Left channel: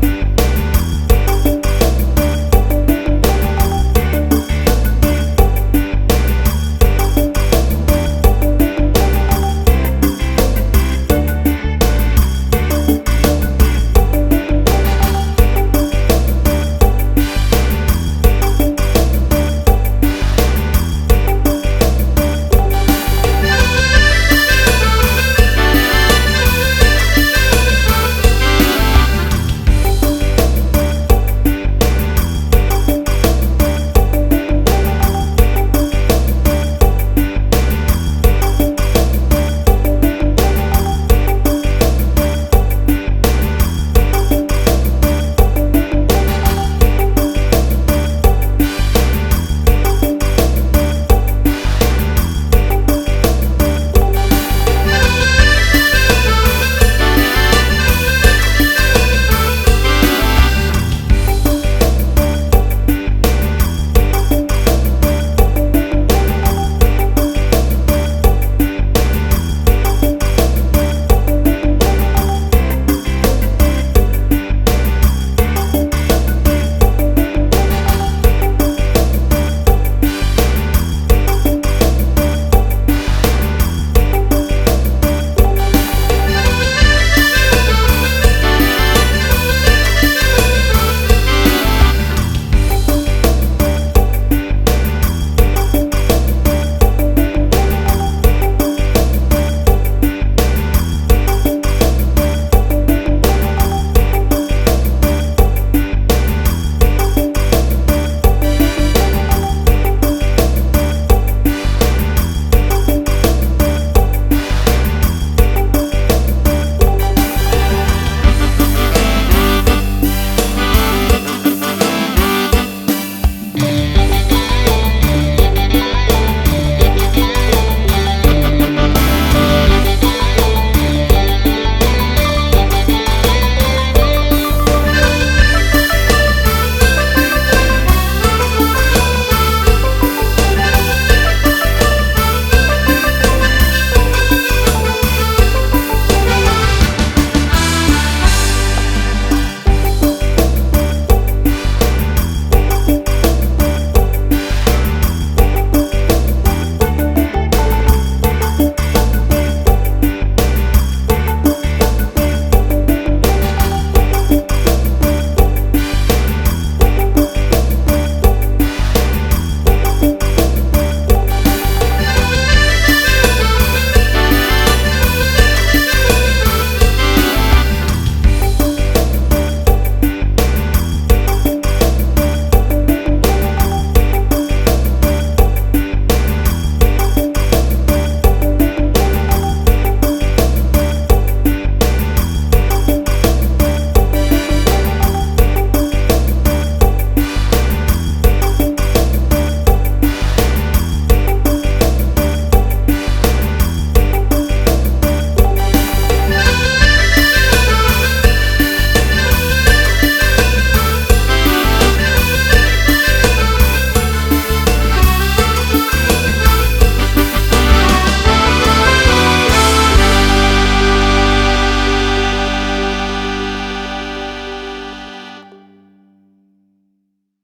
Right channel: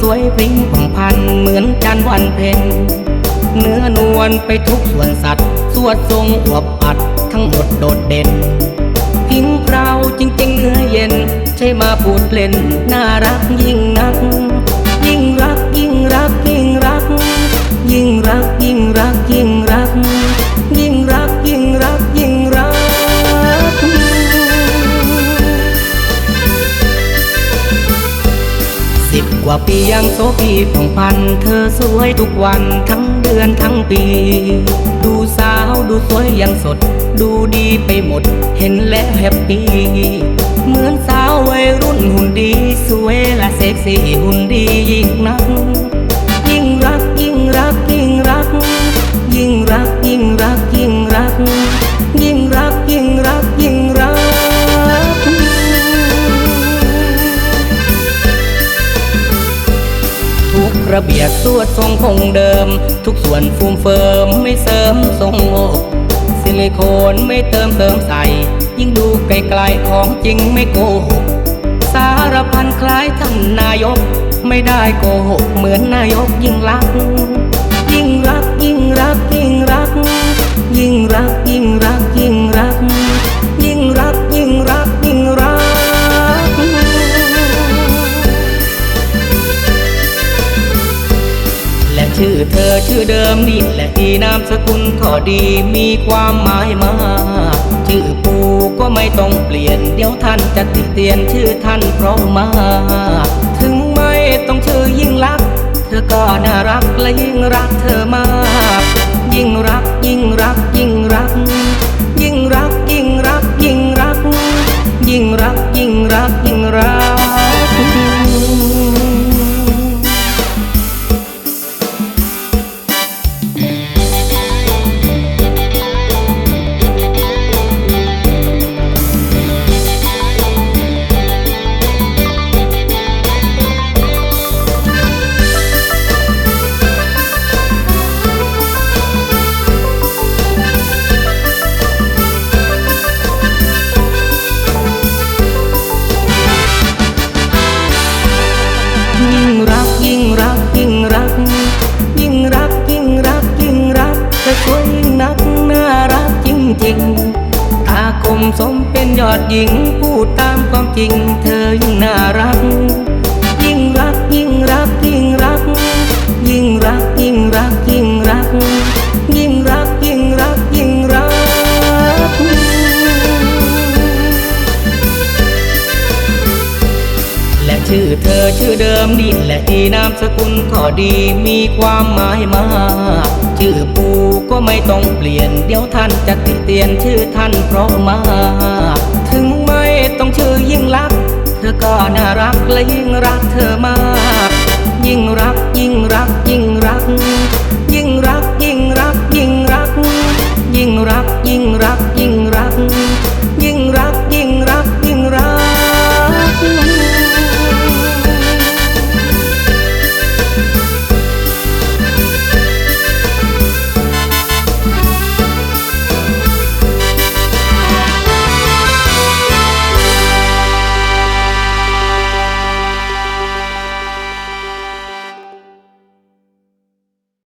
สวยพิ้งพันเหมือนจันวันเพ็ญเนื้อนวลไปทุกส่วนสัตว์สวดทรงอวบอัด ว่าปียังโสพีผ่องพัน เธอสวยทุกวันทั้งเดือนทั้งปี ระเบียดสวดทรงคงเดิม ทุกส่วนฟูมเฟิร์มไม่เสริมทรงอกซิลิโคนไม่เติมเติมใส่ยิ่งดูไกลๆของจริงไม่โกหก ความหมายมากชื่อกูก็ไม่ต้องเปลี่ยน เดี๋ยวท่านจะติดเตียนชื่อท่านเพราะมาก หญิงพูดตามความจริงเธอยิ่งน่ารัก ยิ่งรักยิ่งรักยิ่งรัก ยิ่งรักยิ่งรักยิ่งรัก ยิ่งรักยิ่งรักยิ่งรัก และชื่อเธอชื่อเดิมนี่และที่นามสกุลก็ดีมีความหมายมากชื่อกูก็ไม่ต้องเปลี่ยน เดี๋ยวท่านจะติดเตียนชื่อท่านเพราะมา